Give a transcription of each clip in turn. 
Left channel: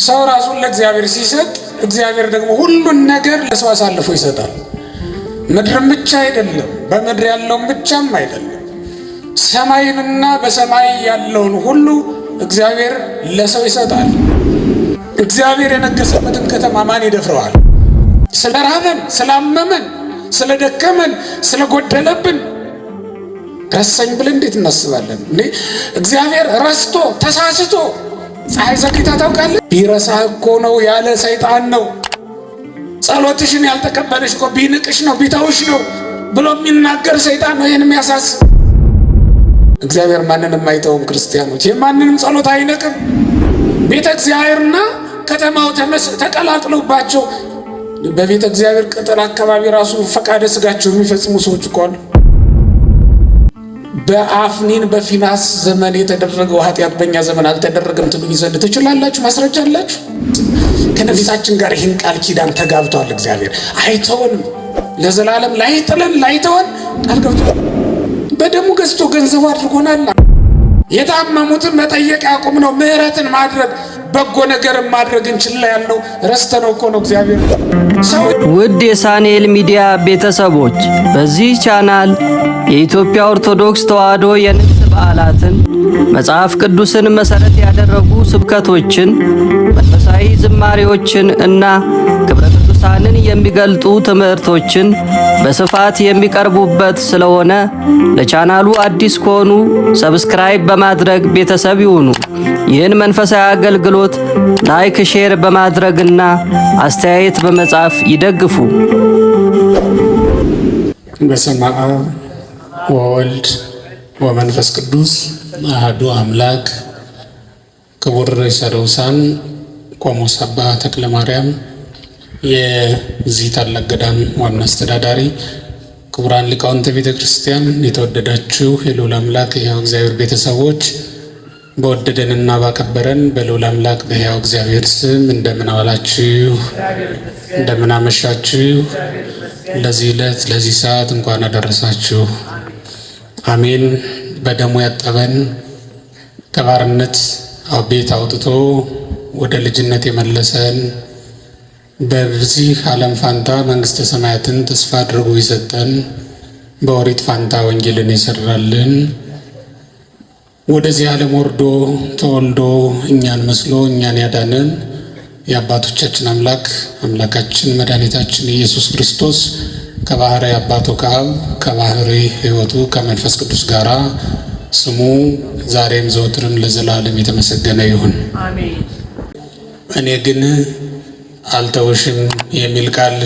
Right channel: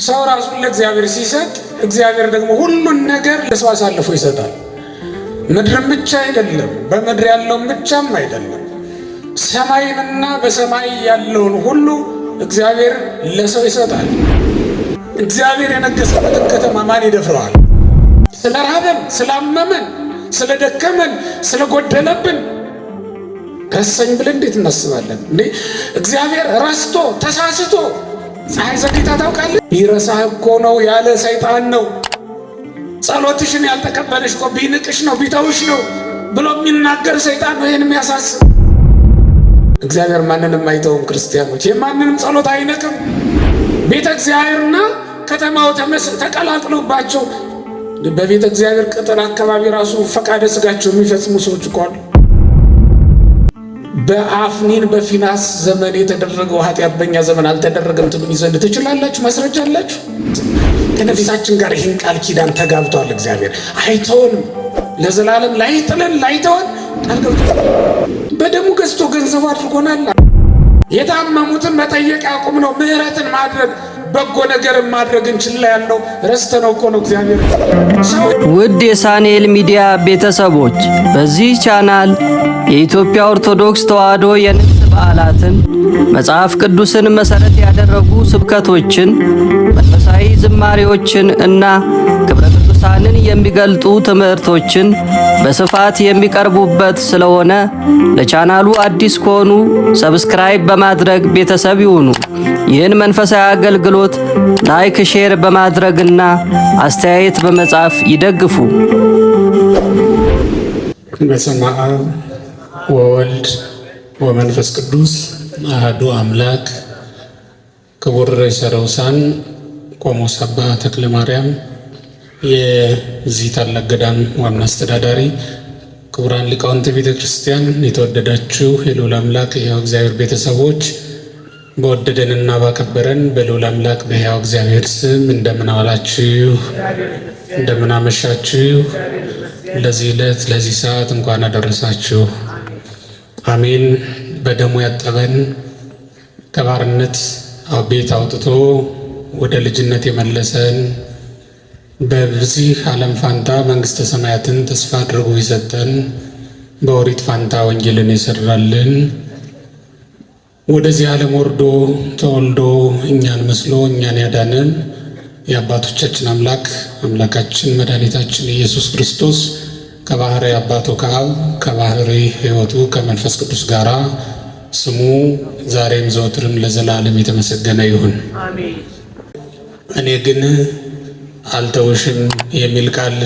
ሰው ራሱን ለእግዚአብሔር ሲሰጥ እግዚአብሔር ደግሞ ሁሉን ነገር ለሰው አሳልፎ ይሰጣል። ምድርም ብቻ አይደለም፣ በምድር ያለውን ብቻም አይደለም፣ ሰማይንና በሰማይ ያለውን ሁሉ እግዚአብሔር ለሰው ይሰጣል። እግዚአብሔር የነገሰበትን ከተማ ማን ይደፍረዋል? ስለራበን፣ ስላመመን፣ ስለደከመን፣ ስለጎደለብን ረሰኝ ብለን እንዴት እናስባለን? እግዚአብሔር ረስቶ ተሳስቶ ፀሐይ ዘግይታ ታውቃለህ? ቢረሳህ እኮ ነው ያለ ሰይጣን ነው። ጸሎትሽን ያልተቀበለሽ እኮ ቢንቅሽ ነው ቢተውሽ ነው ብሎ የሚናገር ሰይጣን ነው ይህን የሚያሳስብ። እግዚአብሔር ማንንም አይተውም። ክርስቲያኖች የማንንም ጸሎት አይነቅም። ቤተ እግዚአብሔርና ከተማው ተቀላቅሎባቸው በቤተ እግዚአብሔር ቅጥር አካባቢ ራሱ ፈቃደ ስጋቸው የሚፈጽሙ ሰዎች እኮ አሉ። በአፍኒን በፊናስ ዘመን የተደረገው ኃጢአት በእኛ ዘመን አልተደረገም ትሉኝ ዘንድ ትችላላችሁ? ማስረጃ አላችሁ? ከነፍሳችን ጋር ይህን ቃል ኪዳን ተጋብቷል። እግዚአብሔር አይተውንም፣ ለዘላለም ላይጥለን ላይተወን ቃል ገብቷል። በደሙ ገዝቶ ገንዘቡ አድርጎናል። የታመሙትን መጠየቅ ያቁም ነው። ምህረትን ማድረግ በጎ ነገርን ማድረግ እንችላ ያለው ረስተነው እኮ ነው እግዚአብሔር። ውድ የሳንኤል ሚዲያ ቤተሰቦች በዚህ ቻናል የኢትዮጵያ ኦርቶዶክስ ተዋሕዶ የንግስ በዓላትን፣ መጽሐፍ ቅዱስን መሰረት ያደረጉ ስብከቶችን፣ መንፈሳዊ ዝማሬዎችን እና ክብረ ቅዱሳንን የሚገልጡ ትምህርቶችን በስፋት የሚቀርቡበት ስለሆነ ለቻናሉ አዲስ ከሆኑ ሰብስክራይብ በማድረግ ቤተሰብ ይሁኑ። ይህን መንፈሳዊ አገልግሎት ላይክ፣ ሼር በማድረግና አስተያየት በመጻፍ ይደግፉ። በስመ አብ ወወልድ ወመንፈስ ቅዱስ አሐዱ አምላክ። ክቡር ርዕሰ ደውሳን ቆሞስ አባ ተክለ ማርያም የዚህ ታላቅ ገዳም ዋና አስተዳዳሪ፣ ክቡራን ሊቃውንተ ቤተ ክርስቲያን፣ የተወደዳችሁ የልዑል አምላክ የሕያው እግዚአብሔር ቤተሰቦች፣ በወደደንና ባከበረን በልዑል አምላክ በሕያው እግዚአብሔር ስም እንደምን ዋላችሁ? እንደምን አመሻችሁ? ለዚህ ዕለት ለዚህ ሰዓት እንኳን አደረሳችሁ። አሜን። በደሙ ያጠበን ከባርነት ቤት አውጥቶ ወደ ልጅነት የመለሰን በዚህ ዓለም ፋንታ መንግሥተ ሰማያትን ተስፋ አድርጎ ይሰጠን፣ በኦሪት ፋንታ ወንጌልን የሰራልን፣ ወደዚህ ዓለም ወርዶ ተወልዶ እኛን መስሎ እኛን ያዳነን የአባቶቻችን አምላክ አምላካችን መድኃኒታችን ኢየሱስ ክርስቶስ ከባህሪ አባቱ ከአብ ከባህሪ ሕይወቱ ከመንፈስ ቅዱስ ጋር ስሙ ዛሬም ዘወትርም ለዘላለም የተመሰገነ ይሁን። እኔ ግን አልተውሽም የሚል ቃል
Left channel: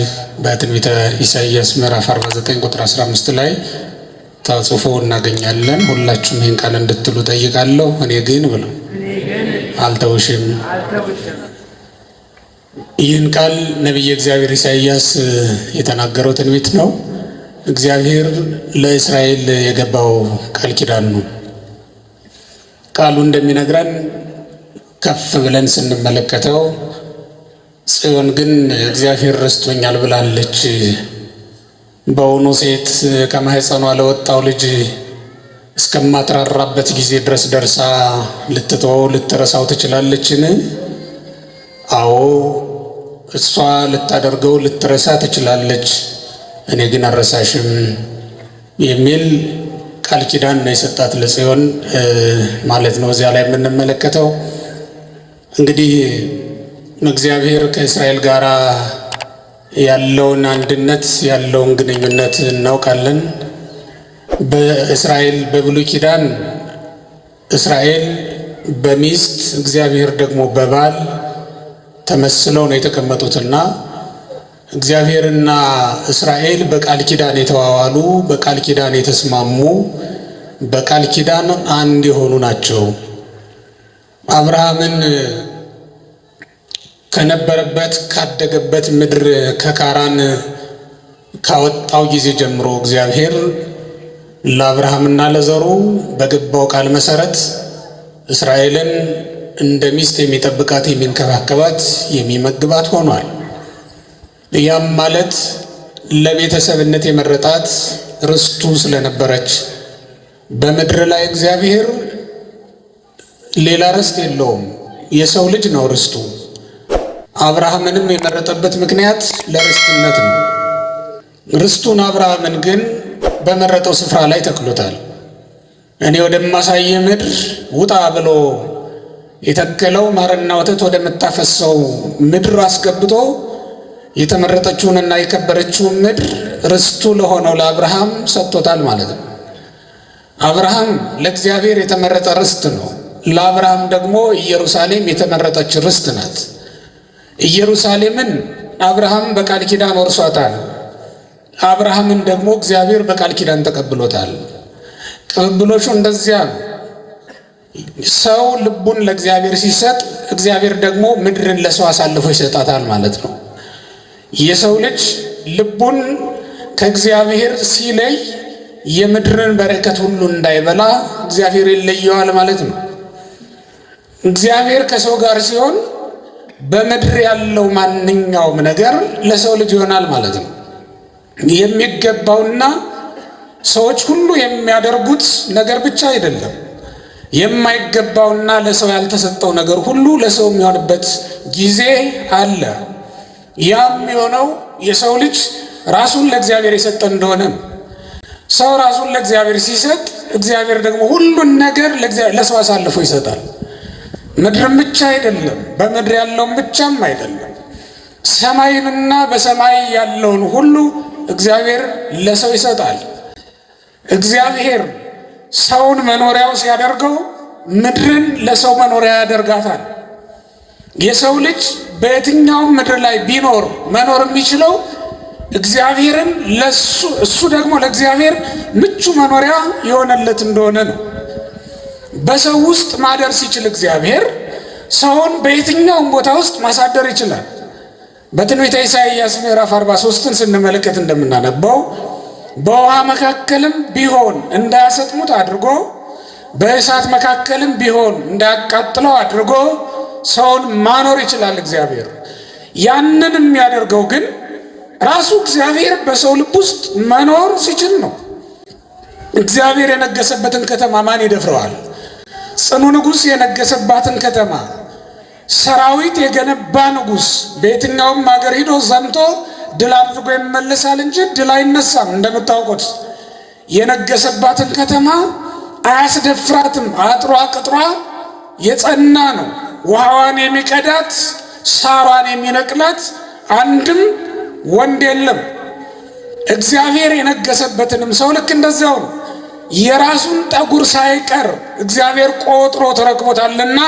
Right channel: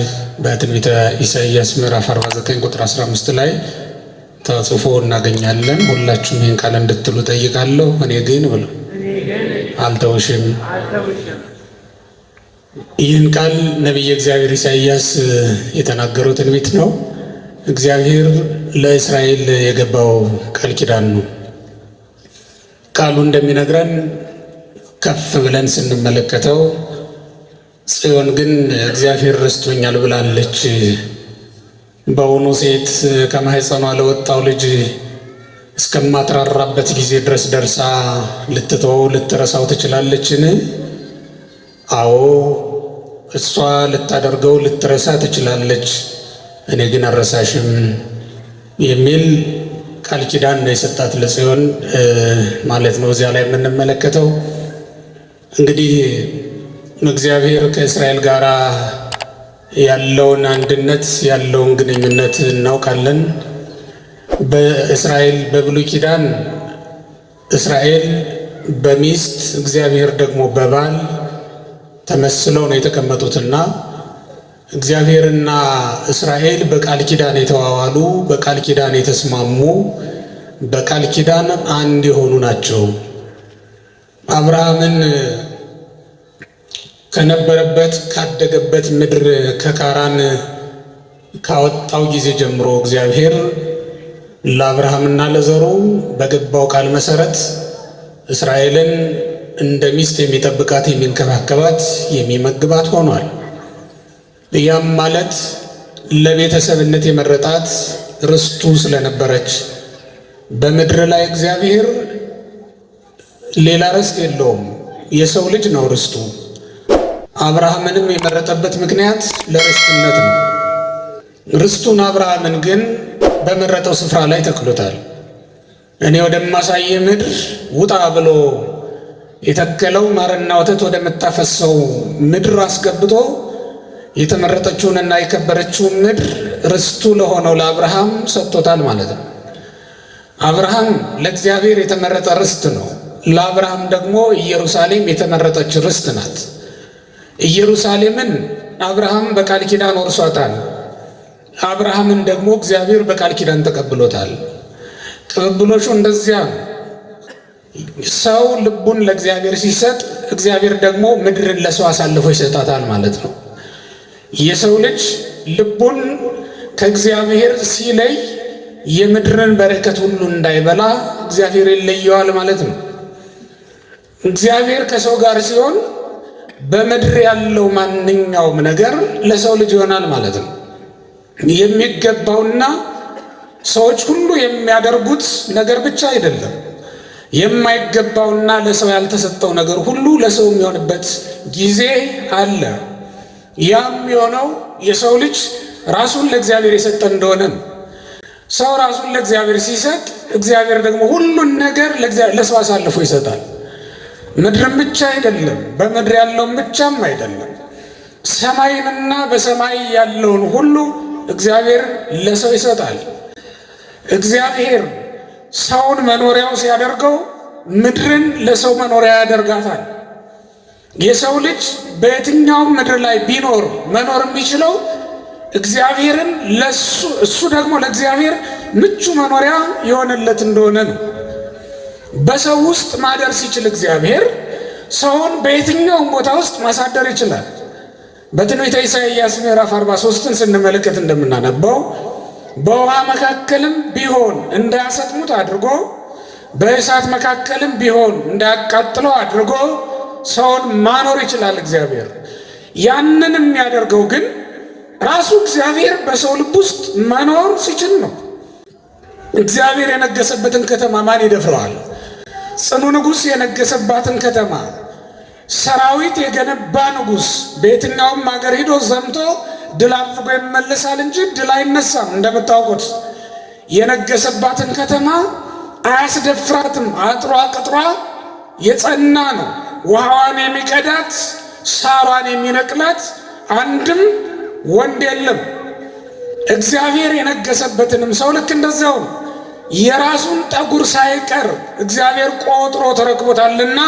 በትንቢተ ኢሳይያስ ምዕራፍ 49 ቁጥር 15 ላይ ተጽፎ እናገኛለን። ሁላችሁም ይህን ቃል እንድትሉ ጠይቃለሁ። እኔ ግን ብሎ አልተውሽም። ይህን ቃል ነቢየ እግዚአብሔር ኢሳይያስ የተናገረው ትንቢት ነው። እግዚአብሔር ለእስራኤል የገባው ቃል ኪዳን ነው። ቃሉ እንደሚነግረን ከፍ ብለን ስንመለከተው ጽዮን ግን እግዚአብሔር ረስቶኛል ብላለች። በውኑ ሴት ከማህፀኗ ለወጣው ልጅ እስከማትራራበት ጊዜ ድረስ ደርሳ ልትተወው ልትረሳው ትችላለችን? አዎ እሷ ልታደርገው ልትረሳ ትችላለች፣ እኔ ግን አልረሳሽም የሚል ቃል ኪዳን ነው የሰጣት ለጽዮን ማለት ነው። እዚያ ላይ የምንመለከተው እንግዲህ እግዚአብሔር ከእስራኤል ጋር ያለውን አንድነት ያለውን ግንኙነት እናውቃለን። በእስራኤል በብሉይ ኪዳን እስራኤል በሚስት እግዚአብሔር ደግሞ በባል ተመስለው ነው የተቀመጡትና እግዚአብሔርና እስራኤል በቃል ኪዳን የተዋዋሉ፣ በቃል ኪዳን የተስማሙ፣ በቃል ኪዳን አንድ የሆኑ ናቸው። አብርሃምን ከነበረበት ካደገበት ምድር ከካራን ካወጣው ጊዜ ጀምሮ እግዚአብሔር ለአብርሃምና ለዘሩ በገባው ቃል መሰረት እስራኤልን እንደ ሚስት የሚጠብቃት የሚንከባከባት የሚመግባት ሆኗል። ያም ማለት ለቤተሰብነት የመረጣት ርስቱ ስለነበረች በምድር ላይ እግዚአብሔር ሌላ ርስት የለውም፣ የሰው ልጅ ነው ርስቱ። አብርሃምንም የመረጠበት ምክንያት ለርስትነት ነው። ርስቱን አብርሃምን ግን በመረጠው ስፍራ ላይ ተክሎታል። እኔ ወደማሳየ ምድር ውጣ ብሎ የተከለው ማርና ወተት ወደምታፈሰው ምድር አስገብቶ የተመረጠችውንና የከበረችውን ምድር ርስቱ ለሆነው ለአብርሃም ሰጥቶታል ማለት ነው። አብርሃም ለእግዚአብሔር የተመረጠ ርስት ነው። ለአብርሃም ደግሞ ኢየሩሳሌም የተመረጠች ርስት ናት። ኢየሩሳሌምን አብርሃም በቃል ኪዳን ወርሷታል። አብርሃምን ደግሞ እግዚአብሔር በቃል ኪዳን ተቀብሎታል። ቅብብሎሹ እንደዚያ ነው። ሰው ልቡን ለእግዚአብሔር ሲሰጥ እግዚአብሔር ደግሞ ምድርን ለሰው አሳልፎ ይሰጣታል ማለት ነው። የሰው ልጅ ልቡን ከእግዚአብሔር ሲለይ የምድርን በረከት ሁሉ እንዳይበላ እግዚአብሔር ይለየዋል ማለት ነው። እግዚአብሔር ከሰው ጋር ሲሆን በምድር ያለው ማንኛውም ነገር ለሰው ልጅ ይሆናል ማለት ነው። የሚገባውና ሰዎች ሁሉ የሚያደርጉት ነገር ብቻ አይደለም። የማይገባውና ለሰው ያልተሰጠው ነገር ሁሉ ለሰው የሚሆንበት ጊዜ አለ። ያም የሆነው የሰው ልጅ ራሱን ለእግዚአብሔር የሰጠ እንደሆነ ነው። ሰው ራሱን ለእግዚአብሔር ሲሰጥ እግዚአብሔር ደግሞ ሁሉን ነገር ለሰው አሳልፎ ይሰጣል። ምድርም ብቻ አይደለም፣ በምድር ያለውን ብቻም አይደለም፣ ሰማይንና በሰማይ ያለውን ሁሉ እግዚአብሔር ለሰው ይሰጣል። እግዚአብሔር ሰውን መኖሪያው ሲያደርገው ምድርን ለሰው መኖሪያ ያደርጋታል። የሰው ልጅ በየትኛውም ምድር ላይ ቢኖር መኖር የሚችለው እግዚአብሔርን እሱ ደግሞ ለእግዚአብሔር ምቹ መኖሪያ የሆነለት እንደሆነ ነው። በሰው ውስጥ ማደር ሲችል እግዚአብሔር ሰውን በየትኛውም ቦታ ውስጥ ማሳደር ይችላል። በትንቢተ ኢሳይያስ ምዕራፍ 43ን ስንመለከት እንደምናነበው በውሃ መካከልም ቢሆን እንዳያሰጥሙት አድርጎ በእሳት መካከልም ቢሆን እንዳያቃጥለው አድርጎ ሰውን ማኖር ይችላል እግዚአብሔር። ያንን የሚያደርገው ግን ራሱ እግዚአብሔር በሰው ልብ ውስጥ መኖር ሲችል ነው። እግዚአብሔር የነገሰበትን ከተማ ማን ይደፍረዋል? ጽኑ ንጉሥ የነገሰባትን ከተማ ሰራዊት የገነባ ንጉሥ በየትኛውም ሀገር ሂዶ ዘምቶ ድል አድርጎ ይመለሳል እንጂ ድል አይነሳም። እንደምታውቁት የነገሰባትን ከተማ አያስደፍራትም። አጥሯ ቅጥሯ የጸና ነው። ውሃዋን የሚቀዳት ሳሯን የሚነቅላት አንድም ወንድ የለም። እግዚአብሔር የነገሰበትንም ሰው ልክ እንደዚያው ነው። የራሱን ጠጉር ሳይቀር እግዚአብሔር ቆጥሮ ተረክቦታልና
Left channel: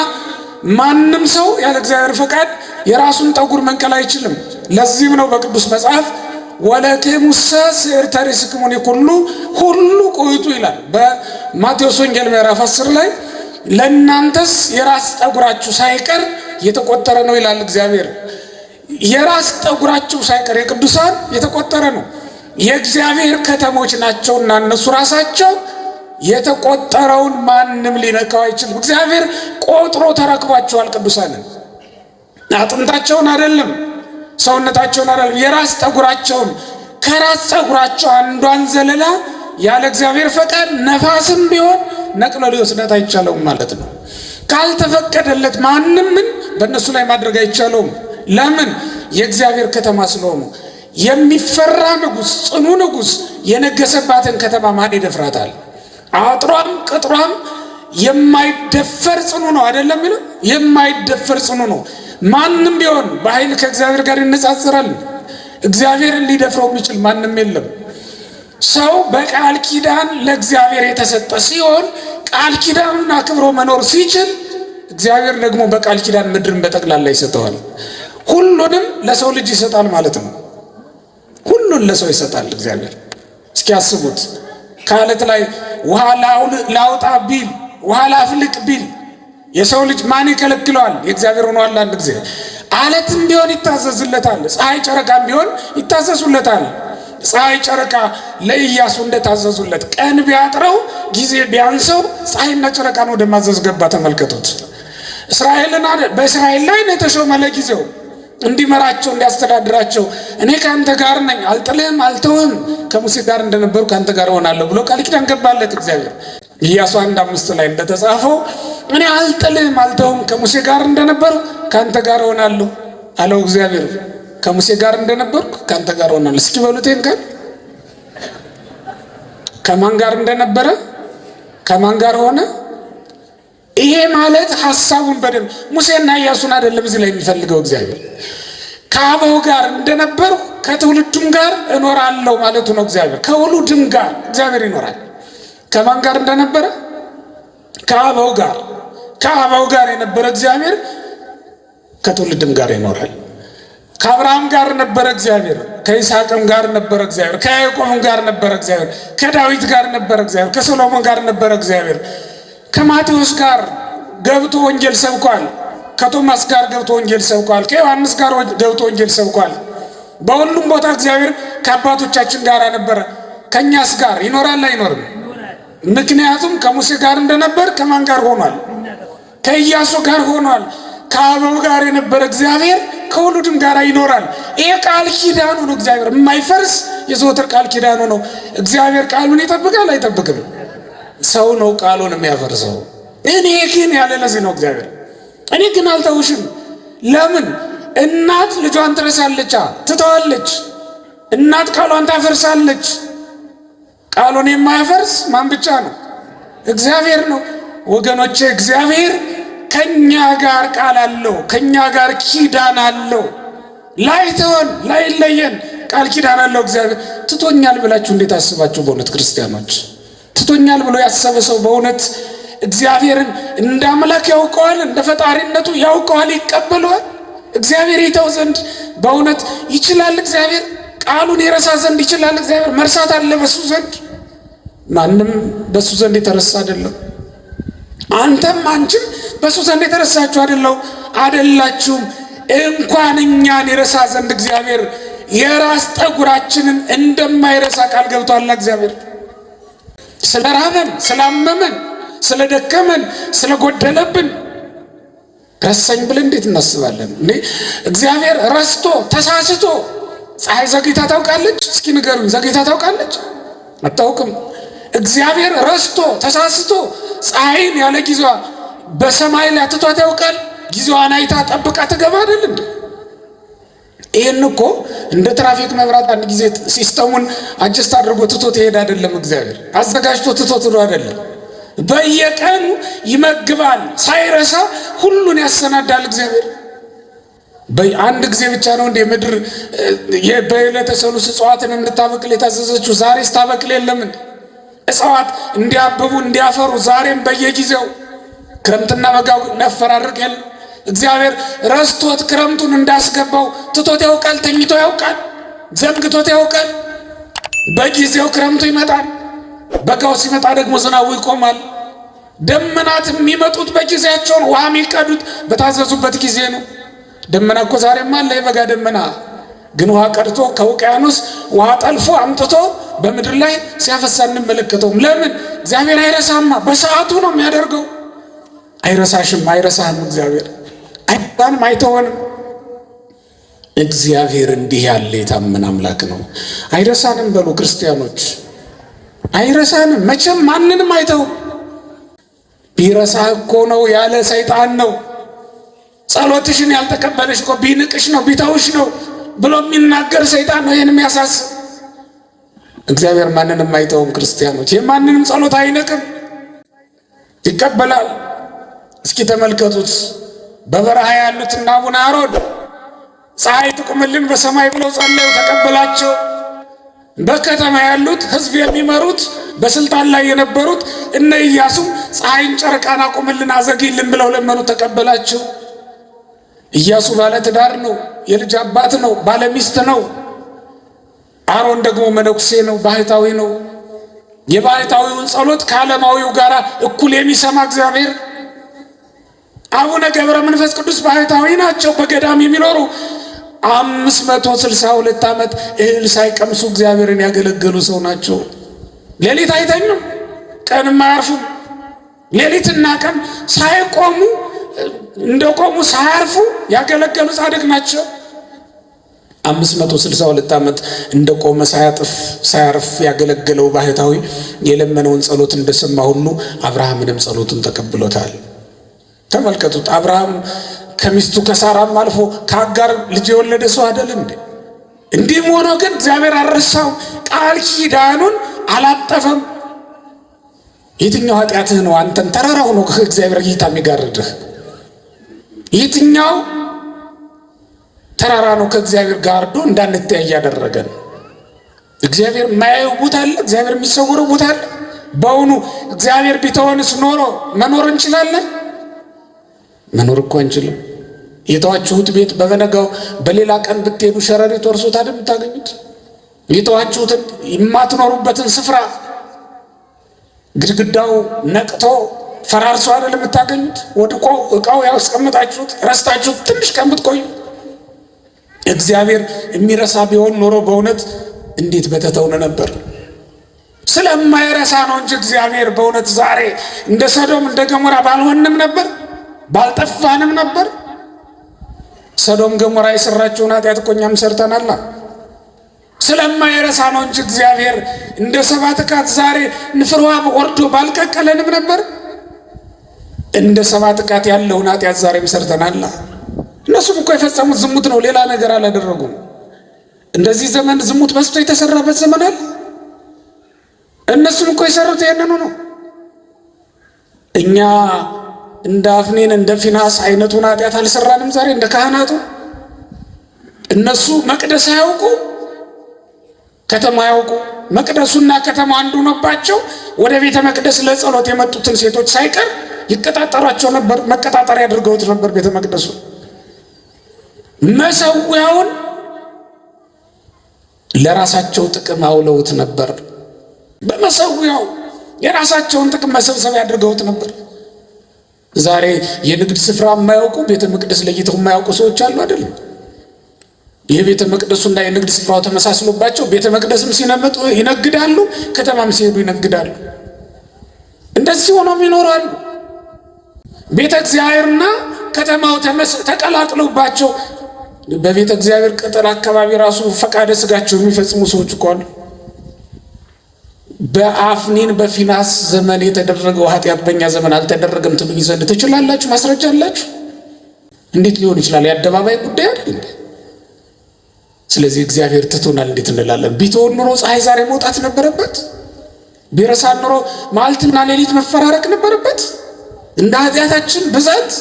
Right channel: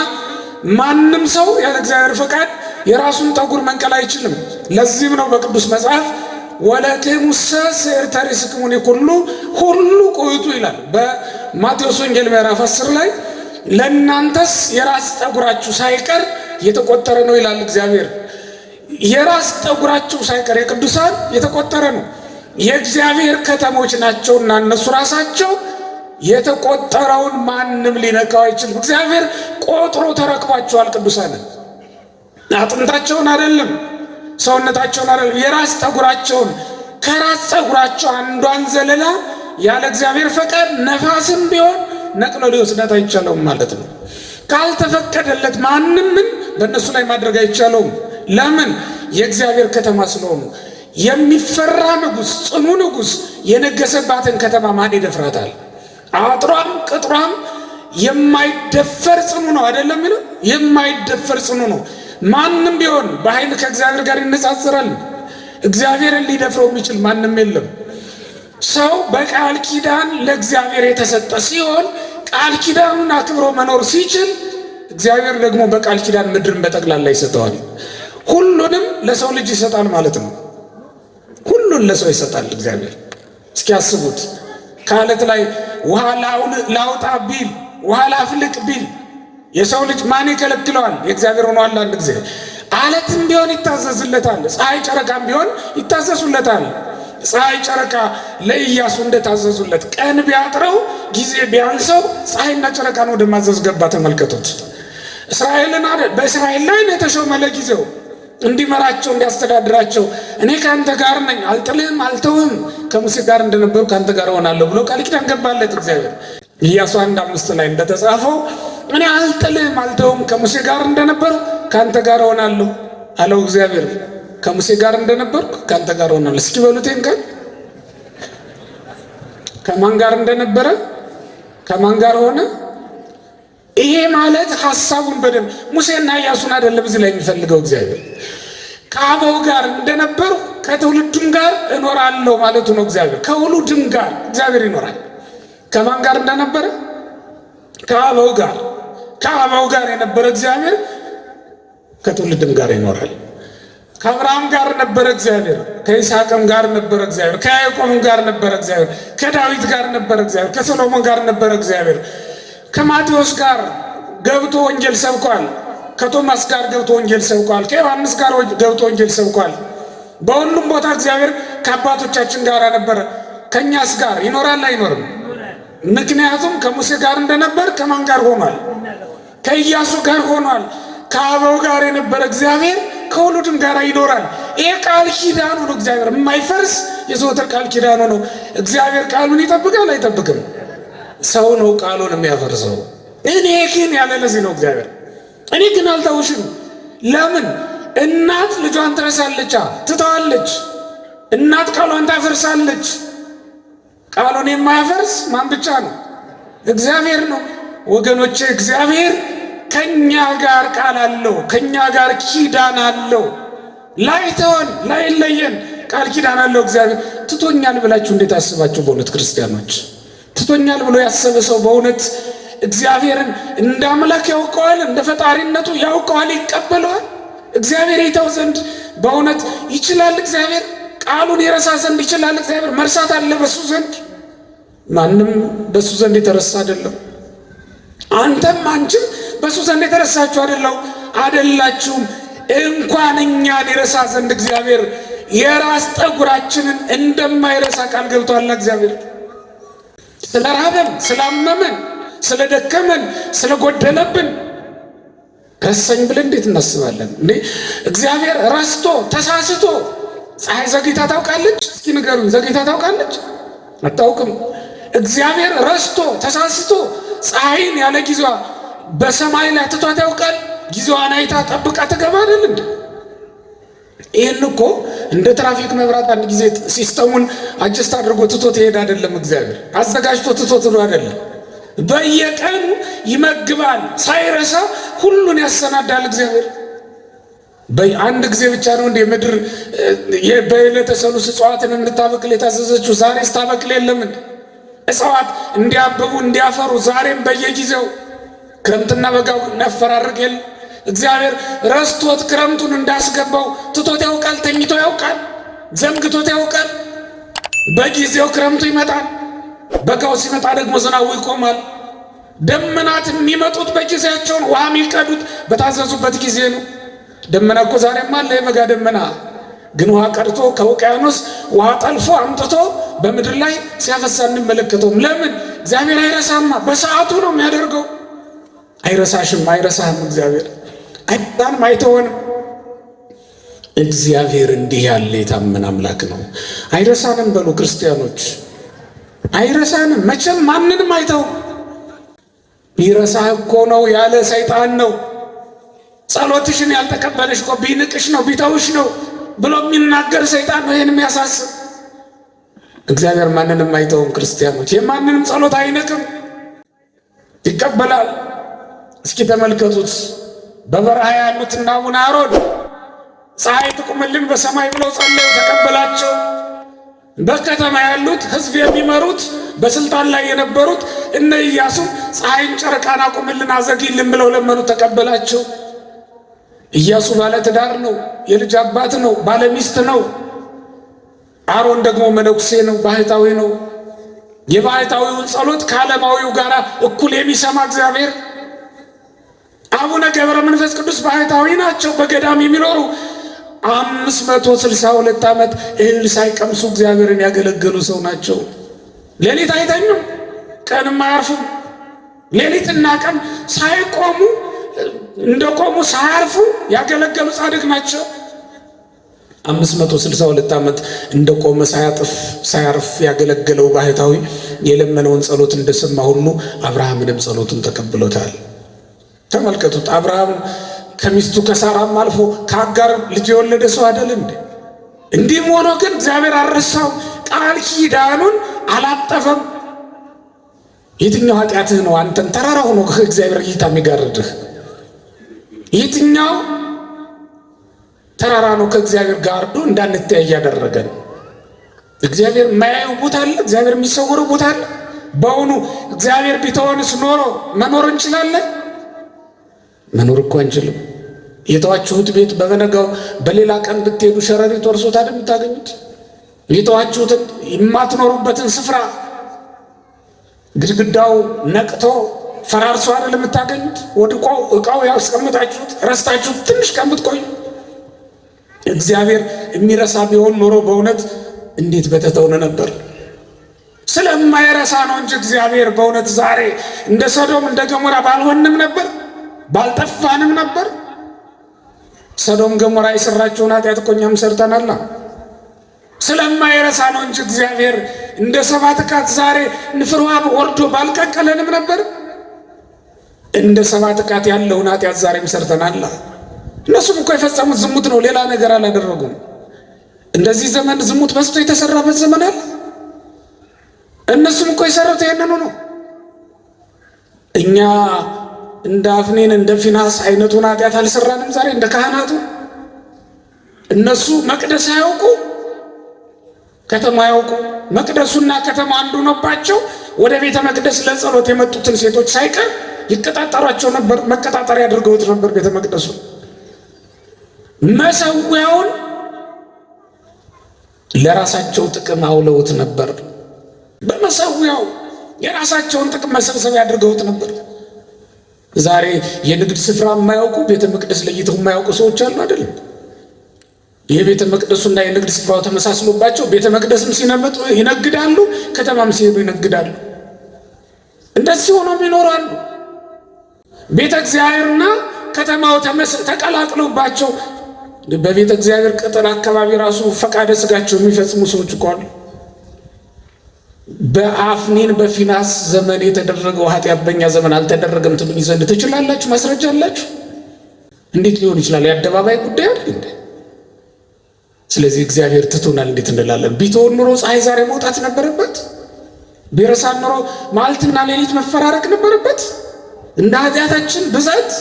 ማንም ሰው ያለ እግዚአብሔር ፈቃድ የራሱን ጠጉር መንቀል አይችልም። ለዚህም ነው በቅዱስ መጽሐፍ ወለክሙሰ ስዕርተ ርእስክሙኒ ሁሉ ቁይጡ ይላል። በማቴዎስ ወንጌል ምዕራፍ 10 ላይ ለእናንተስ የራስ ጠጉራችሁ ሳይቀር የተቆጠረ ነው ይላል እግዚአብሔር። የራስ ጠጉራችሁ ሳይቀር የቅዱሳን የተቆጠረ ነው። የእግዚአብሔር ከተሞች ናቸውና እነሱ ራሳቸው የተቆጠረውን ማንም ሊነካው አይችልም። እግዚአብሔር ቆጥሮ ተረክቧቸዋል። ቅዱሳንን አጥንታቸውን አይደለም፣ ሰውነታቸውን አይደለም፣ የራስ ጠጉራቸውን። ከራስ ጠጉራቸው አንዷን ዘለላ ያለ እግዚአብሔር ፈቃድ ነፋስም ቢሆን ነቅሎ ሊወስዳት አይቻለውም ማለት ነው። ካልተፈቀደለት ማንም ምን በእነሱ ላይ ማድረግ አይቻለውም። ለምን? የእግዚአብሔር ከተማ ስለሆኑ። የሚፈራ ንጉሥ፣ ጽኑ ንጉሥ የነገሰባትን ከተማ ማን ይደፍራታል? አጥሯም ቅጥሯም የማይደፈር ጽኑ ነው አይደለም? የማይደፈር ጽኑ ነው። ማንም ቢሆን በኃይል ከእግዚአብሔር ጋር ይነጻጽራል። እግዚአብሔርን ሊደፍረው የሚችል ማንም የለም። ሰው በቃል ኪዳን ለእግዚአብሔር የተሰጠ ሲሆን ቃል ኪዳኑን አክብሮ መኖር ሲችል እግዚአብሔር ደግሞ በቃል ኪዳን ምድርን በጠቅላላ ይሰጠዋል። ሁሉንም ለሰው ልጅ ይሰጣል ማለት ነው። ሁሉን ለሰው ይሰጣል እግዚአብሔር። እስኪ ያስቡት። ከአለት ላይ ውሃ ላውጣ ቢል፣ ውሃ ላፍልቅ ቢል የሰው ልጅ ማን ይከለክለዋል? የእግዚአብሔር ሆኗል። አንድ ጊዜ አለትም ቢሆን ይታዘዝለታል። ፀሐይ ጨረቃም ቢሆን ይታዘዙለታል። ፀሐይ ጨረቃ ለኢያሱ እንደታዘዙለት ቀን ቢያጥረው ጊዜ ቢያንሰው ፀሐይና ጨረቃን ወደ ማዘዝ ገባ። ተመልከቱት። በእስራኤል ላይ ነው የተሾመ ለጊዜው እንዲመራቸው እንዲያስተዳድራቸው። እኔ ከአንተ ጋር ነኝ፣ አልጥልህም፣ አልተውህም፣ ከሙሴ ጋር እንደነበሩ ከአንተ ጋር እሆናለሁ ብሎ ቃል ኪዳን ገባለት እግዚአብሔር። ኢያሱ 1:5 ላይ እንደተጻፈው እኔ አልጥልህም፣ አልተውህም፣ ከሙሴ ጋር እንደነበሩ ከአንተ ጋር እሆናለሁ አለው እግዚአብሔር። ከሙሴ ጋር እንደነበርኩ ካንተ ጋር ሆናለሁ። እስኪ በሉቴን ጋር ከማን ጋር እንደነበረ ከማን ጋር ሆነ? ይሄ ማለት ሐሳቡን በደንብ ሙሴና ኢያሱን አይደለም እዚህ ላይ የሚፈልገው እግዚአብሔር። ከአበው ጋር እንደነበርኩ ከትውልዱም ጋር እኖራለሁ ማለቱ ነው እግዚአብሔር። ከውሉድም ጋር እግዚአብሔር ይኖራል። ከማን ጋር እንደነበረ? ከአበው ጋር። ከአበው ጋር የነበረ እግዚአብሔር ከትውልድም ጋር ይኖራል። ከአብርሃም ጋር ነበረ እግዚአብሔር፣ ከይስሐቅም ጋር ነበረ እግዚአብሔር፣ ከያዕቆብም ጋር ነበረ እግዚአብሔር፣ ከዳዊት ጋር ነበረ እግዚአብሔር፣ ከሰሎሞን ጋር ነበረ እግዚአብሔር። ከማቴዎስ ጋር ገብቶ ወንጌል ሰብኳል። ከቶማስ ጋር ገብቶ ወንጌል ሰብኳል። ከዮሐንስ ጋር ገብቶ ወንጌል ሰብኳል። በሁሉም ቦታ እግዚአብሔር ከአባቶቻችን ጋር ነበረ። ከእኛስ ጋር ይኖራል አይኖርም? ምክንያቱም ከሙሴ ጋር እንደነበር ከማን ጋር ሆኗል? ከኢያሱ ጋር ሆኗል። ከአበው ጋር የነበረ እግዚአብሔር ከውሉድም ጋር ይኖራል። ይሄ ቃል ኪዳኑ ነው። እግዚአብሔር የማይፈርስ የዘወትር ቃል ኪዳኑ ነው። እግዚአብሔር ቃሉን ይጠብቃል አይጠብቅም? ሰው ነው ቃሉን የሚያፈርሰው። እኔ ግን ያለ ለዚህ ነው እግዚአብሔር እኔ ግን አልተውሽም። ለምን? እናት ልጇን ትረሳለች፣ ትተዋለች። እናት ቃሏን ታፈርሳለች። ቃሉን የማያፈርስ ማን ብቻ ነው? እግዚአብሔር ነው። ወገኖቼ እግዚአብሔር ከኛ ጋር ቃል አለው፣ ከኛ ጋር ኪዳን አለው። ላይተወን ላይለየን ቃል ኪዳን አለው እግዚአብሔር። ትቶኛል ብላችሁ እንዴት አስባችሁ? በእውነት ክርስቲያኖች ትቶኛል ብሎ ያሰበ ሰው በእውነት እግዚአብሔርን እንደ አምላክ ያውቀዋል፣ እንደ ፈጣሪነቱ ያውቀዋል፣ ይቀበለዋል። እግዚአብሔር ይተው ዘንድ በእውነት ይችላል? እግዚአብሔር ቃሉን የረሳ ዘንድ ይችላል? እግዚአብሔር መርሳት አለ በሱ ዘንድ? ማንም በሱ ዘንድ የተረሳ አይደለም። አንተም አንቺም በሱ ዘንድ የተረሳችሁ አይደላችሁም። እንኳን እኛን የረሳ ዘንድ እግዚአብሔር የራስ ጠጉራችንን እንደማይረሳ ቃል ገብቷል። እግዚአብሔር ስለ ራበን፣ ስላመመን፣ ስለደከመን፣ ስለጎደለብን ረሳኝ ብለን እንዴት እናስባለን? እግዚአብሔር ረስቶ ተሳስቶ ፀሐይ ዘግይታ ታውቃለች? እስኪ ንገሩኝ፣ ዘግይታ ታውቃለች? አታውቅም። እግዚአብሔር ረስቶ ተሳስቶ ፀሐይን ያለ ጊዜዋ በሰማይ ላይ ትቷት ያውቃል? ጊዜዋን አይታ ጠብቃ ትገባ አይደል እንዴ? ይህን እኮ እንደ ትራፊክ መብራት አንድ ጊዜ ሲስተሙን አጀስት አድርጎ ትቶት ይሄድ አይደለም። እግዚአብሔር አዘጋጅቶ ትቶት ነው አይደለም። በየቀኑ ይመግባል፣ ሳይረሳ ሁሉን ያሰናዳል እግዚአብሔር። በአንድ ጊዜ ብቻ ነው እንደ ምድር በዕለተ ሰሉስ እጽዋትን እንድታበቅል የታዘዘችው? ዛሬ ስታበቅል የለም እንዴ? እጽዋት እንዲያብቡ እንዲያፈሩ ዛሬም በየጊዜው ክረምትና በጋው ነፈራርቅ የለም? እግዚአብሔር ረስቶት ክረምቱን እንዳስገባው ትቶት ያውቃል? ተኝቶ ያውቃል? ዘንግቶት ያውቃል? በጊዜው ክረምቱ ይመጣል፣ በጋው ሲመጣ ደግሞ ዝናቡ ይቆማል። ደመናት የሚመጡት በጊዜያቸው፣ ውሃ የሚቀዱት በታዘዙበት ጊዜ ነው። ደመና እኮ ዛሬም አለ፣ የበጋ ደመና ግን ውሃ ቀድቶ ከውቅያኖስ ውሃ ጠልፎ አምጥቶ በምድር ላይ ሲያፈሳ እንመለከተውም። ለምን? እግዚአብሔር አይረሳማ፣ በሰዓቱ ነው የሚያደርገው። አይረሳሽም፣ አይረሳህም። እግዚአብሔር አይባንም፣ አይተወንም። እግዚአብሔር እንዲህ ያለ የታመነ አምላክ ነው። አይረሳንም በሉ ክርስቲያኖች፣ አይረሳንም። መቼም ማንንም አይተውም። ቢረሳህ እኮ ነው ያለ ሰይጣን ነው። ጸሎትሽን ያልተቀበለሽ እኮ ቢንቅሽ ነው ቢተውሽ ነው ብሎ የሚናገር ሰይጣን ነው ይህን የሚያሳስብ። እግዚአብሔር ማንንም አይተውም ክርስቲያኖች። የማንንም ጸሎት አይንቅም፣ ይቀበላል። እስኪ ተመልከቱት። በበረሃ ያሉትና አቡነ አሮን ፀሐይ ትቁምልን በሰማይ ብለው ጸለዩ፣ ተቀበላቸው። በከተማ ያሉት ሕዝብ የሚመሩት በስልጣን ላይ የነበሩት እነ ኢያሱ ፀሐይን ጨረቃን አቁምልን አዘግይልን ብለው ለመኑ፣ ተቀበላቸው። ኢያሱ ባለ ትዳር ነው፣ የልጅ አባት ነው፣ ባለ ሚስት ነው። አሮን ደግሞ መነኩሴ ነው፣ ባህታዊ ነው። የባህታዊውን ጸሎት ከዓለማዊው ጋር እኩል የሚሰማ እግዚአብሔር። አቡነ ገብረ መንፈስ ቅዱስ ባህታዊ ናቸው፣ በገዳም የሚኖሩ 562 ዓመት እህል ሳይቀምሱ እግዚአብሔርን ያገለገሉ ሰው ናቸው። ሌሊት አይተኙም፣ ቀንም አያርፉም። ሌሊትና ቀን ሳይቆሙ እንደቆሙ ሳያርፉ ያገለገሉ ጻድቅ ናቸው። 562 ዓመት እንደቆመ ሳያርፍ ያገለገለው ባህታዊ የለመነውን ጸሎት እንደሰማ ሁሉ አብርሃምንም ጸሎቱን ተቀብሎታል። ተመልከቱት። አብርሃም ከሚስቱ ከሳራም አልፎ ከአጋር ልጅ የወለደ ሰው አይደል እንዴ? እንዲህም ሆኖ ግን እግዚአብሔር አልረሳውም፣ ቃል ኪዳኑን አላጠፈም። የትኛው ኃጢአትህ ነው አንተን ተራራው ነው ከእግዚአብሔር እይታ የሚጋርድህ? የትኛው ተራራ ነው ከእግዚአብሔር ጋርዶ እንዳንተያይ ያደረገ ነው? እግዚአብሔር የማያየው ቦታ አለ? እግዚአብሔር የሚሰወረው ቦታ አለ? በእውኑ እግዚአብሔር ቢተወንስ ኖሮ መኖር እንችላለን? መኖር እኮ አንችልም። የተዋችሁት ቤት በበነጋው በሌላ ቀን ብትሄዱ ሸረሪት ወርሶት አይደል የምታገኙት? የተዋችሁትን የማትኖሩበትን ስፍራ ግድግዳው ነቅቶ ፈራርሶ አይደል የምታገኙት? ወድቆ እቃው ያስቀምጣችሁት ረስታችሁት ትንሽ ቀን ብትቆዩ። እግዚአብሔር የሚረሳ ቢሆን ኖሮ በእውነት እንዴት በተተውነ ነበር። ስለማይረሳ ነው እንጂ እግዚአብሔር በእውነት ዛሬ እንደ ሰዶም እንደ ገሞራ ባልሆንም ነበር፣ ባልጠፋንም ነበር። ሰዶም ገሞራ የሰራቸውን ኃጢአት እኮ እኛም ሰርተናል። ስለማይረሳ ነው እንጂ እግዚአብሔር እንደ ሰባት ካት ዛሬ ንፍርዋ ወርዶ ባልቀቀለንም ነበር። እንደ ሰባት ካት ያለውን ኃጢአት ዛሬም ሰርተናል። እነሱም እኮ የፈጸሙት ዝሙት ነው፣ ሌላ ነገር አላደረጉም። እንደዚህ ዘመን ዝሙት በዝቶ የተሰራበት ዘመን አለ። እነሱም እኮ የሰሩት ያንኑ ነው። እኛ እንደ አፍኔን እንደ ፊናስ አይነቱን ኃጢአት አልሰራንም ዛሬ እንደ ካህናቱ። እነሱ መቅደስ ያውቁ ከተማ ያውቁ። መቅደሱና ከተማ አንዱ ነባቸው። ወደ ቤተ መቅደስ ለጸሎት የመጡትን ሴቶች ሳይቀር ይቀጣጠሯቸው ነበር። መቀጣጠሪያ አድርገውት ነበር ቤተ መቅደሱ። መሰዊያውን ለራሳቸው ጥቅም አውለውት ነበር። በመሰዊያው የራሳቸውን ጥቅም መሰብሰቢያ አድርገውት ነበር። ዛሬ የንግድ ስፍራ የማያውቁ ቤተ መቅደስ ለይተው የማያውቁ ሰዎች አሉ አይደለም? የቤተ መቅደሱና የንግድ ስፍራው ተመሳስሎባቸው ቤተ መቅደስም ሲነመጡ ይነግዳሉ፣ ከተማም ሲሄዱ ይነግዳሉ። እንደዚህ ሆኖም ይኖራሉ። ቤተ እግዚአብሔርና ከተማው ተቀላቅሎባቸው በቤተ እግዚአብሔር ቅጥር አካባቢ ራሱ ፈቃደ ስጋቸው የሚፈጽሙ ሰዎች እኮ አሉ። በአፍኒን በፊናስ ዘመን የተደረገው ኃጢአት በእኛ ዘመን አልተደረገም ትሉኝ ዘንድ ትችላላችሁ? ማስረጃ አላችሁ? እንዴት ሊሆን ይችላል? የአደባባይ ጉዳይ አይደል? ስለዚህ እግዚአብሔር ትቶናል እንዴት እንላለን? ቢተወን ኖሮ ፀሐይ ዛሬ መውጣት ነበረበት። ቢረሳን ኖሮ መዓልትና ሌሊት መፈራረቅ ነበረበት እንደ ኃጢአታችን ብዛት።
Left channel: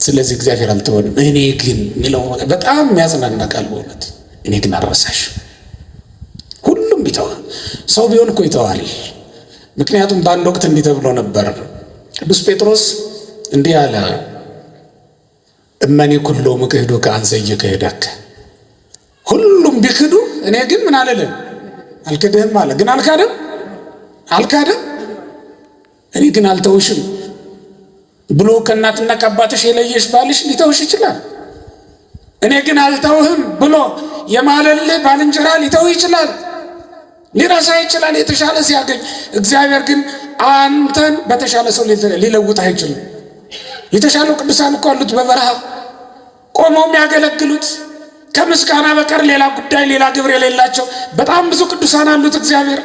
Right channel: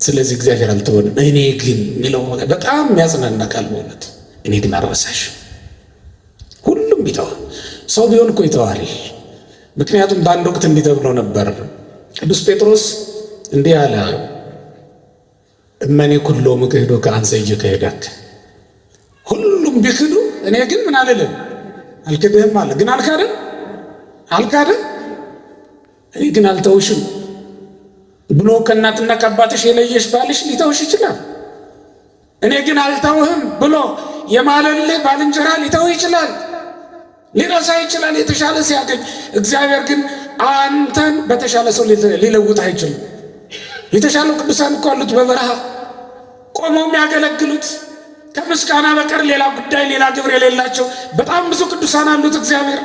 ስለዚህ እግዚአብሔር አልተወንም። እኔ ግን የሚለው በጣም የሚያጽናና ቃል በእውነት እኔ ግን አልረሳሽ። ሁሉም ቢተው ሰው ቢሆን እኮ ይተዋል። ምክንያቱም በአንድ ወቅት እንዲህ ተብሎ ነበር። ቅዱስ ጴጥሮስ እንዲህ አለ፣ እመኔ ኩሎ ምክህዶ ከአንሰየ ከሄደክ። ሁሉም ቢክዱ እኔ ግን ምን አልልም አልክድህም አለ። ግን አልካደም። እኔ ግን አልተውሽም ብሎ ከእናትና ከአባትሽ የለየሽ ባልሽ ሊተውሽ ይችላል። እኔ ግን አልተውህም ብሎ የማለልህ ባልንጀራ ሊተው ይችላል፣ ሊረሳ ይችላል የተሻለ ሲያገኝ። እግዚአብሔር ግን አንተን በተሻለ ሰው ሊለውጥ አይችልም። የተሻሉ ቅዱሳን እኮ አሉት በበረሃ ቆመው የሚያገለግሉት ከምስጋና በቀር ሌላ ጉዳይ ሌላ ግብር የሌላቸው በጣም ብዙ ቅዱሳን አሉት እግዚአብሔር።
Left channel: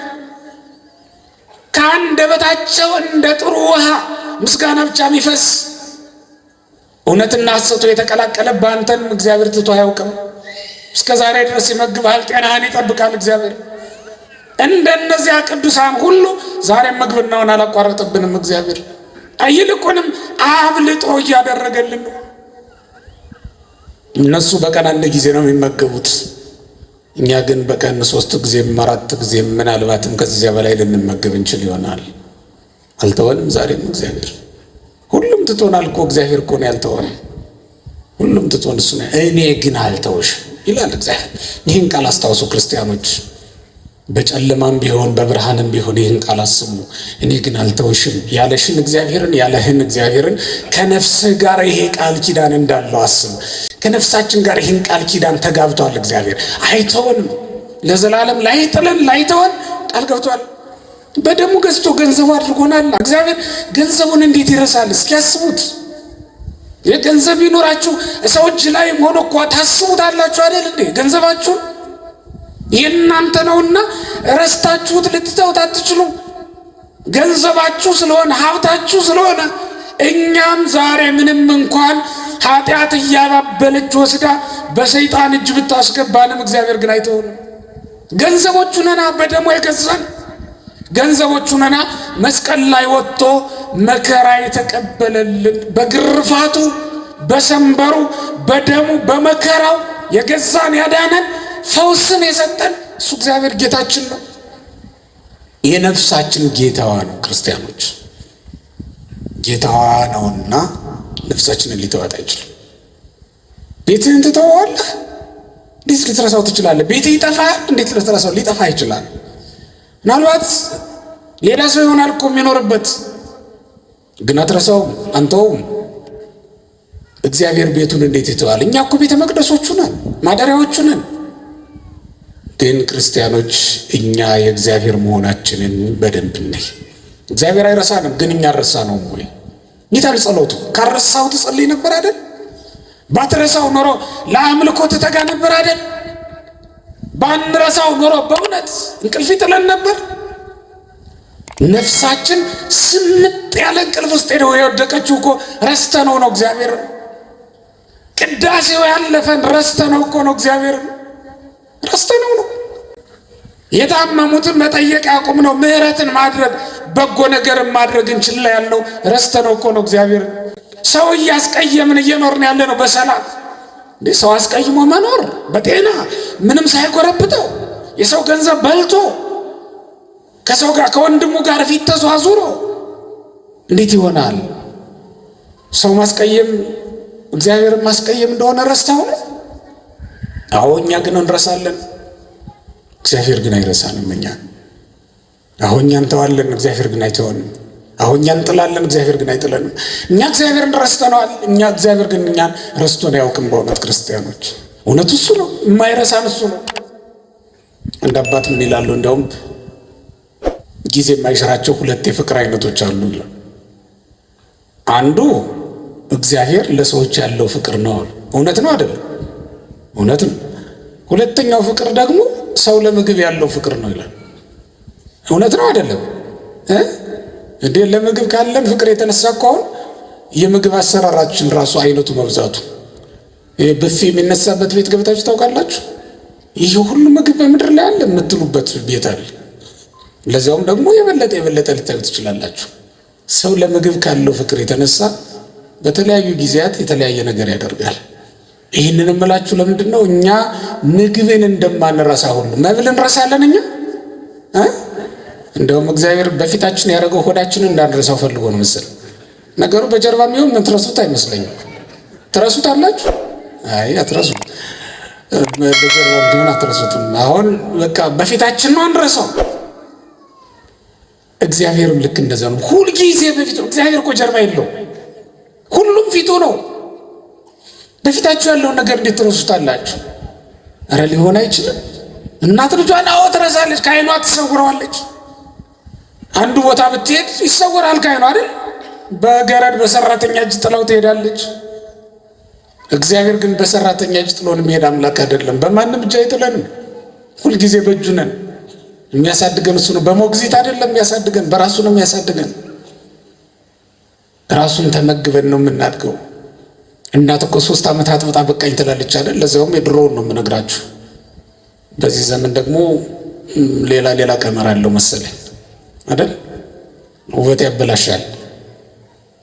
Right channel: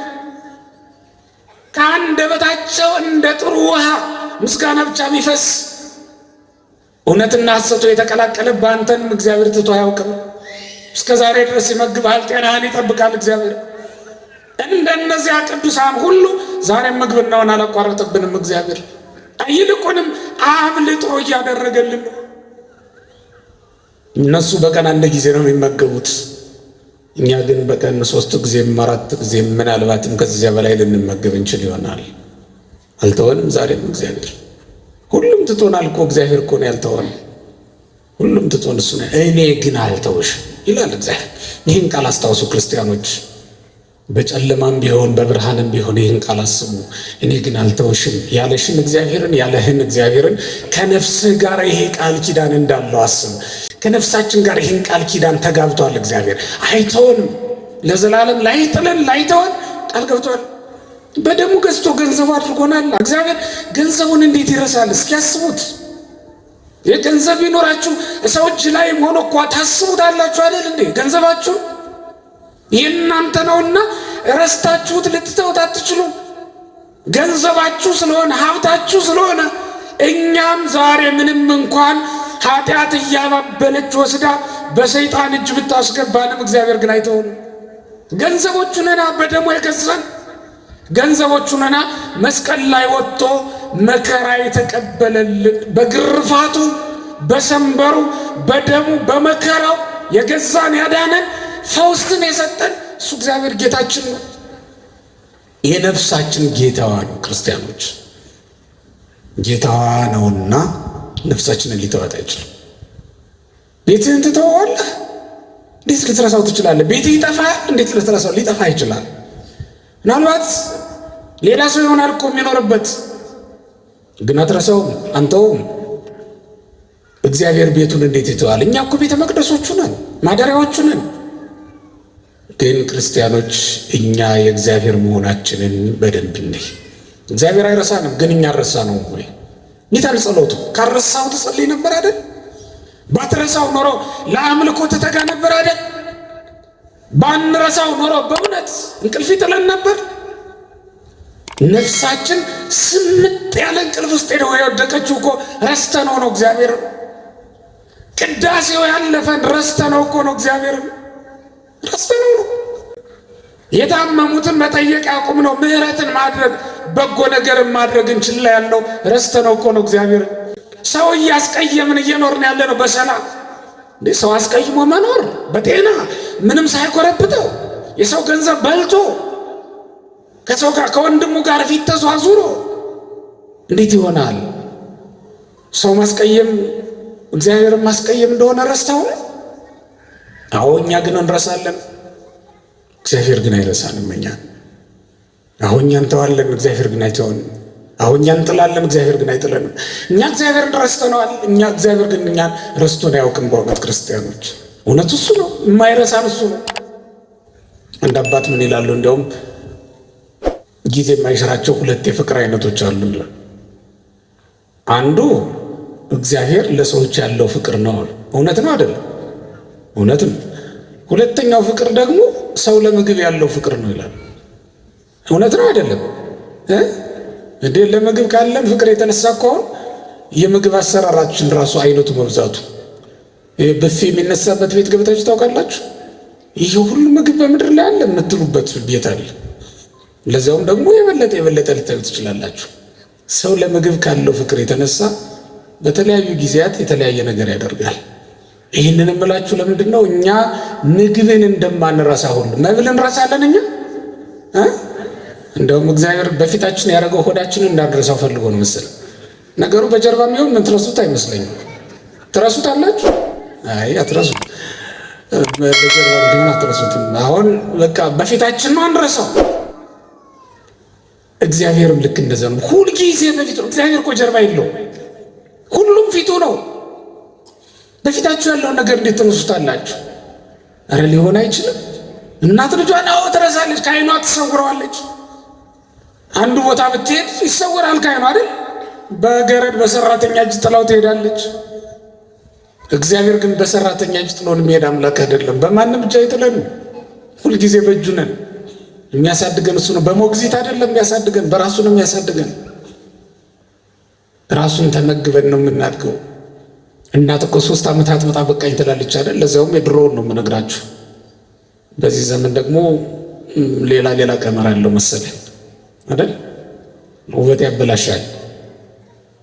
ከአንደበታቸው እንደ ጥሩ ውሃ ምስጋና ብቻ የሚፈስ እውነትና ሐሰቱ የተቀላቀለ በአንተን እግዚአብሔር ትቶ አያውቅም። እስከ ዛሬ ድረስ ይመግብሃል፣ ጤናህን ይጠብቃል እግዚአብሔር። እንደነዚያ ቅዱሳን ሁሉ ዛሬም ምግብናውን አላቋረጠብንም እግዚአብሔር። ይልቁንም አብልጦ እያደረገልን። እነሱ በቀን አንድ ጊዜ ነው የሚመገቡት፣ እኛ ግን በቀን 3 ጊዜም 4 ጊዜም ምናልባትም ከዚያ በላይ ልንመገብ እንችል ይሆናል። አልተወንም ዛሬም እግዚአብሔር። ሁሉም ትቶናል እኮ እግዚአብሔር እኮ ነው ያልተወን። ሁሉም ትቶን እሱ ነው። እኔ ግን አልተውሽም ይላል እግዚአብሔር። ይህን ቃል አስታውሱ ክርስቲያኖች። በጨለማም ቢሆን በብርሃንም ቢሆን ይህን ቃል አስቡ። እኔ ግን አልተውሽም ያለሽን እግዚአብሔርን ያለህን እግዚአብሔርን ከነፍስህ ጋር ይሄ ቃል ኪዳን እንዳለው አስቡ። ከነፍሳችን ጋር ይህን ቃል ኪዳን ተጋብቷል እግዚአብሔር። አይተውንም፣ ለዘላለም ላይጥለን ላይተወን ቃል ገብቷል። በደሙ ገዝቶ ገንዘቡ አድርጎናል እግዚአብሔር። ገንዘቡን እንዴት ይረሳል? እስኪያስቡት። የገንዘብ ይኖራችሁ ሰው እጅ ላይ ሆኖ እኮ ታስቡታላችሁ አይደል እንዴ? ገንዘባችሁ የእናንተ ነውና ረስታችሁት ልትተውት አትችሉ። ገንዘባችሁ ስለሆነ ሀብታችሁ ስለሆነ እኛም ዛሬ ምንም እንኳን ኃጢአት እያባበለች ወስዳ በሰይጣን እጅ ብታስገባንም እግዚአብሔር ግን አይተውንም። ገንዘቦቹ ነና በደሙ የገዛን ገንዘቦቹ ነና መስቀል ላይ ወጥቶ መከራ የተቀበለልን በግርፋቱ በሰንበሩ በደሙ በመከራው የገዛን ያዳነን ፈውስን የሰጠን እሱ እግዚአብሔር ጌታችን ነው። የነፍሳችን ጌታዋ ነው። ክርስቲያኖች ጌታዋ ነውና ነፍሳችንን ሊተዋት አይችልም። ቤትህን ትተዋለህ፣ እንዴት ልትረሳው ትችላለህ? ቤትህ ይጠፋል፣ እንዴት ልትረሳው? ሊጠፋ ይችላል። ምናልባት ሌላ ሰው ይሆናል እኮ የሚኖርበት፣ ግን አትረሳውም፣ አንተውም። እግዚአብሔር ቤቱን እንዴት ይተዋል? እኛ እኮ ቤተ መቅደሶቹ ነን፣ ማደሪያዎቹ ነን። ግን ክርስቲያኖች እኛ የእግዚአብሔር መሆናችንን በደንብ ነይ። እግዚአብሔር አይረሳንም፣ ግን እኛ ረሳነውም ወይ? ይታል ጸሎቱ ካረሳው ትጸልይ ነበር አይደል? ባትረሳው ኖሮ ለአምልኮ ትተጋ ነበር አይደል? ባንረሳው ኖሮ በእውነት እንቅልፍ ይጥለን ነበር። ነፍሳችን ስምጥ ያለ እንቅልፍ ውስጥ ሄደው የወደቀችው እኮ ረስተነው ነው እግዚአብሔር። ቅዳሴው ያለፈን ረስተነው እኮ ነው እግዚአብሔር፣ ረስተነው ነው። የታመሙትን መጠየቅ ያቁም ነው። ምህረትን ማድረግ በጎ ነገርን ማድረግ እንችላ ያለው ረስተነው እኮ ነው እግዚአብሔር። ሰው እያስቀየምን እየኖርን ያለ ነው በሰላም። ሰው አስቀይሞ መኖር በጤና ምንም ሳይቆረብጠው የሰው ገንዘብ በልቶ ከሰው ጋር ከወንድሙ ጋር ፊት ተዟዙሮ እንዴት ይሆናል? ሰው ማስቀየም እግዚአብሔርን ማስቀየም እንደሆነ ረስተው ነው። አዎ እኛ ግን እንረሳለን፣ እግዚአብሔር ግን አይረሳንም። አሁን እኛ እንተዋለን፣ እግዚአብሔር ግን አይተወንም። አሁን እኛ እንጥላለን፣ እግዚአብሔር ግን አይጥለንም። እኛ እግዚአብሔርን ረስተነዋል፣ እኛ እግዚአብሔር ግን እኛን ረስቶን አያውቅም። በእውነት ክርስቲያኖች እውነቱ እሱ ነው፣ የማይረሳን እሱ ነው። እንደ አባት ምን ይላሉ? እንዲያውም ጊዜ የማይሽራቸው ሁለት የፍቅር አይነቶች አሉ። አንዱ እግዚአብሔር ለሰዎች ያለው ፍቅር ነው። እውነት ነው አይደለም? እውነት ነው። ሁለተኛው ፍቅር ደግሞ ሰው ለምግብ ያለው ፍቅር ነው ይላል። እውነት ነው አይደለም? እንዴ ለምግብ ካለን ፍቅር የተነሳ ከሆነ የምግብ አሰራራችን ራሱ አይነቱ መብዛቱ፣ ብፌ የሚነሳበት ቤት ገብታችሁ ታውቃላችሁ? ይህ ሁሉ ምግብ በምድር ላይ አለ የምትሉበት ቤት አለ። ለዚያውም ደግሞ የበለጠ ልታዩ ትችላላችሁ። ሰው ለምግብ ካለው ፍቅር የተነሳ በተለያዩ ጊዜያት የተለያየ ነገር ያደርጋል። ይህንን እምላችሁ ለምንድን ነው? እኛ ምግብን እንደማንረሳ ሁሉ መብል እንረሳለን። እኛ እንደውም እግዚአብሔር በፊታችን ያደረገው ሆዳችንን እንዳንረሳው ፈልጎ ነው መሰለኝ። ነገሩ በጀርባ የሚሆን ምን ትረሱት አይመስለኝም። ትረሱት አላችሁ? አይ አትረሱት። በጀርባ ቢሆን አትረሱትም። አሁን በቃ በፊታችን ነው አንረሳው። እግዚአብሔርም ልክ እንደዛ ነው። ሁልጊዜ በፊቱ። እግዚአብሔር እኮ ጀርባ የለውም፣ ሁሉም ፊቱ ነው። በፊታችሁ ያለውን ነገር እንዴት ትረሱታላችሁ? ኧረ ሊሆን አይችልም። እናት ልጇን አዎ ትረሳለች፣ ከዓይኗ ትሰውረዋለች። አንዱ ቦታ ብትሄድ ይሰወራል ከዓይኗ አይደል? በገረድ በሰራተኛ እጅ ጥላው ትሄዳለች። እግዚአብሔር ግን በሰራተኛ እጅ ጥሎን የሚሄድ አምላክ አይደለም። በማንም እጅ አይጥለንም። ሁልጊዜ በእጁ ነን። የሚያሳድገን እሱ ነው። በሞግዚት አይደለም የሚያሳድገን፣ በራሱ ነው የሚያሳድገን። ራሱን ተመግበን ነው የምናድገው። እናት እኮ 3 ዓመት አጥብጣ በቃኝ ትላለች አይደል? ለዛውም የድሮውን ነው የምነግራችሁ። በዚህ ዘመን ደግሞ ሌላ ቀመር አለው መሰለኝ አይደል? ውበት ያበላሻል።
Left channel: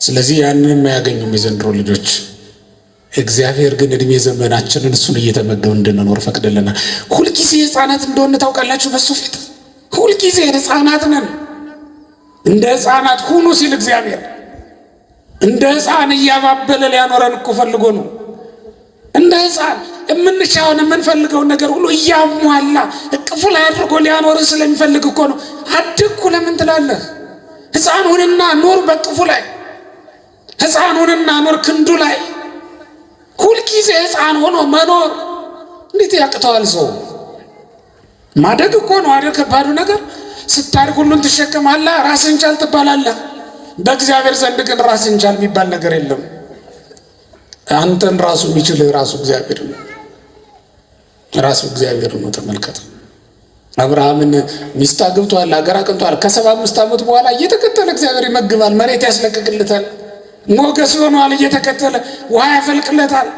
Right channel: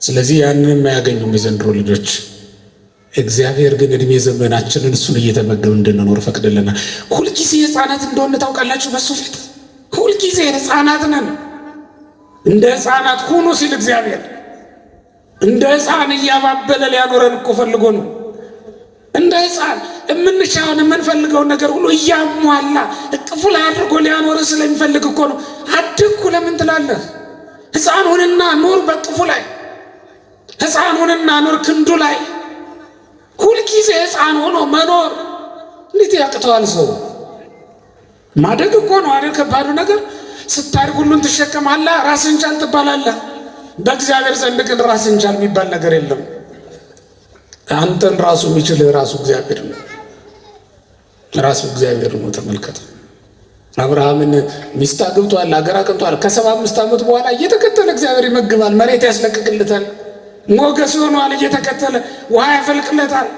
ስለዚህ ያንን የማያገኙም የዘንድሮ ልጆች። እግዚአብሔር ግን እድሜ ዘመናችንን እሱን እየተመገብ እንድንኖር ፈቅድልናል። ሁልጊዜ ሕፃናት እንደሆነ ታውቃላችሁ። በሱ ፊት ሁልጊዜ ሕፃናት ነን። እንደ ሕፃናት ሁኑ ሲል እግዚአብሔር እንደ ሕፃን እያባበለ ሊያኖረን እኮ ፈልጎ ነው። እንደ ሕፃን የምንሻውን የምንፈልገውን ነገር ሁሉ እያሟላ እቅፉ ላይ አድርጎ ሊያኖር ስለሚፈልግ እኮ ነው። አድግኩ ለምን ትላለህ? ሕፃን ሁንና ኖር በቅፉ ላይ፣ ሕፃን ሁንና ኖር ክንዱ ላይ። ሁልጊዜ ሕፃን ሆኖ መኖር እንዴት ያቅተዋል ሰው? ማደግ እኮ ነው አይደል? ከባዱ ነገር ስታድግ ሁሉን ትሸከማለህ፣ ራስህን ቻል ትባላለህ። በእግዚአብሔር ዘንድ ግን ራስህን ቻል የሚባል ነገር የለም። አንተን ራሱ የሚችልህ ራሱ እግዚአብሔር ነው። ራሱ እግዚአብሔር ነው። ተመልከተ። አብርሃምን ሚስት አግብቷል፣ አገር አቅንቷል። ከ75 ዓመት በኋላ እየተከተለ እግዚአብሔር ይመግባል፣ መሬት ያስለቅቅልታል። ሞገስ ሆኗል። እየተከተለ ውሃ ያፈልቅለታል።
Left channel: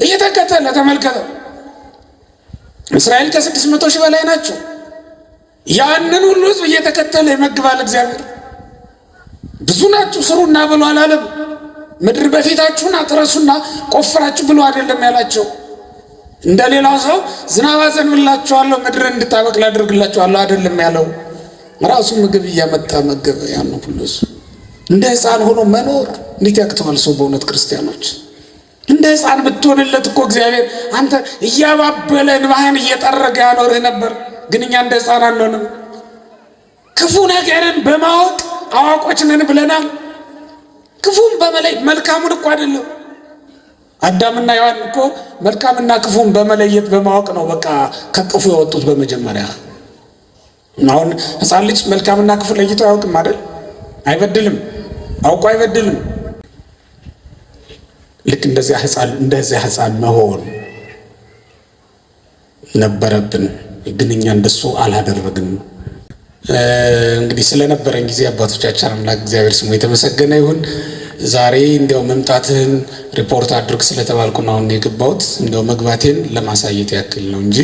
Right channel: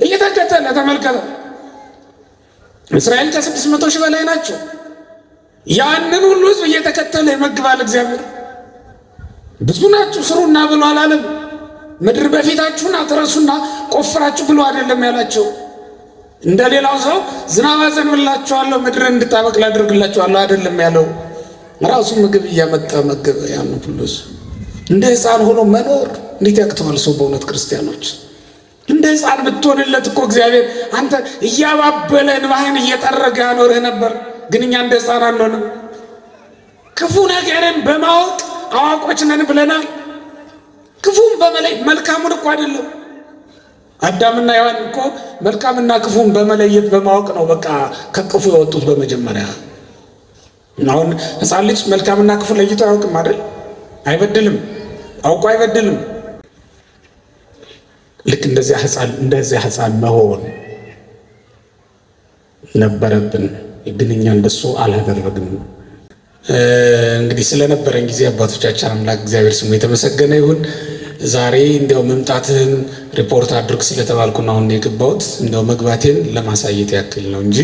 እየተከተለ ተመልከተ። እስራኤል ከ600 ሺህ በላይ ናቸው። ያንን ሁሉ ሕዝብ እየተከተለ ይመግባል እግዚአብሔር። ብዙ ናችሁ ስሩና ብሎ አላለም። ምድር በፊታችሁን አትረሱና ቆፍራችሁ ብሎ አይደለም ያላቸው። እንደ ሌላው ሰው ዝናብ አዘንብላችኋለሁ ምድርን እንድታበቅል አድርግላችኋለሁ አይደለም ያለው። ራሱ ምግብ እያመጣ መገበ። ያን ሁሉ እንደ ሕፃን ሆኖ መኖር እንዴት ያቅተዋል ሰው? በእውነት ክርስቲያኖች እንደ ሕፃን ብትሆንለት እኮ እግዚአብሔር አንተ እያባበለ እንባህን እየጠረገ ያኖርህ ነበር። ግን እኛ እንደ ሕፃን አንሆንም። ክፉ ነገርን በማወቅ አዋቆች ነን ብለናል። ክፉን በመለይ መልካሙን እኮ አይደለም። አዳምና ሔዋን እኮ መልካምና ክፉን በመለየት በማወቅ ነው በቃ ከክፉ የወጡት በመጀመሪያ። አሁን ሕፃን ልጅ መልካምና ክፉ ለይቶ አያውቅም አይደል? አይበድልም፣ አውቆ አይበድልም። ልክ እንደዚያ ሕፃን መሆን ነበረብን። ግን እኛ እንደሱ አላደረግንም። እንግዲህ ስለነበረን ጊዜ አባቶቻችን አምላክ እግዚአብሔር ስሙ የተመሰገነ ይሁን። ዛሬ እንዲያው መምጣትህን ሪፖርት አድርግ ስለተባልኩ ነው አሁን የገባሁት። እንዲያው መግባቴን ለማሳየት ያክል ነው እንጂ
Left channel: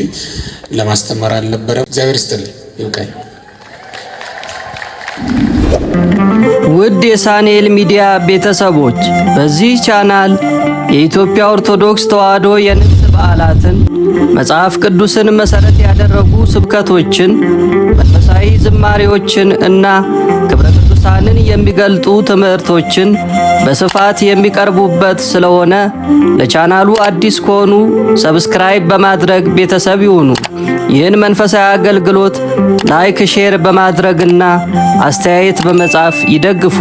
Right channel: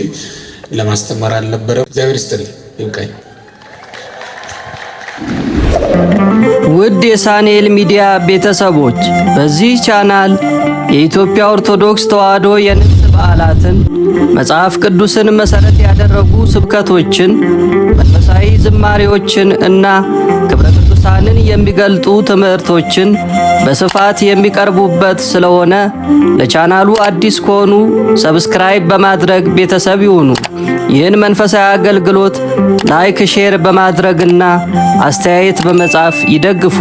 ለማስተማር አልነበረም። እግዚአብሔር ይስጥልኝ። ይብቃኝ። ውድ የሳንኤል ሚዲያ ቤተሰቦች በዚህ ቻናል የኢትዮጵያ ኦርቶዶክስ ተዋሕዶ የንግስ በዓላትን፣ መጽሐፍ ቅዱስን መሰረት ያደረጉ ስብከቶችን፣ መንፈሳዊ ዝማሬዎችን እና ክብረ ቅዱሳንን የሚገልጡ ትምህርቶችን በስፋት የሚቀርቡበት ስለሆነ ለቻናሉ አዲስ ከሆኑ ሰብስክራይብ በማድረግ ቤተሰብ ይሁኑ። ይህን መንፈሳዊ አገልግሎት ላይክ፣ ሼር በማድረግና አስተያየት በመጻፍ ይደግፉ።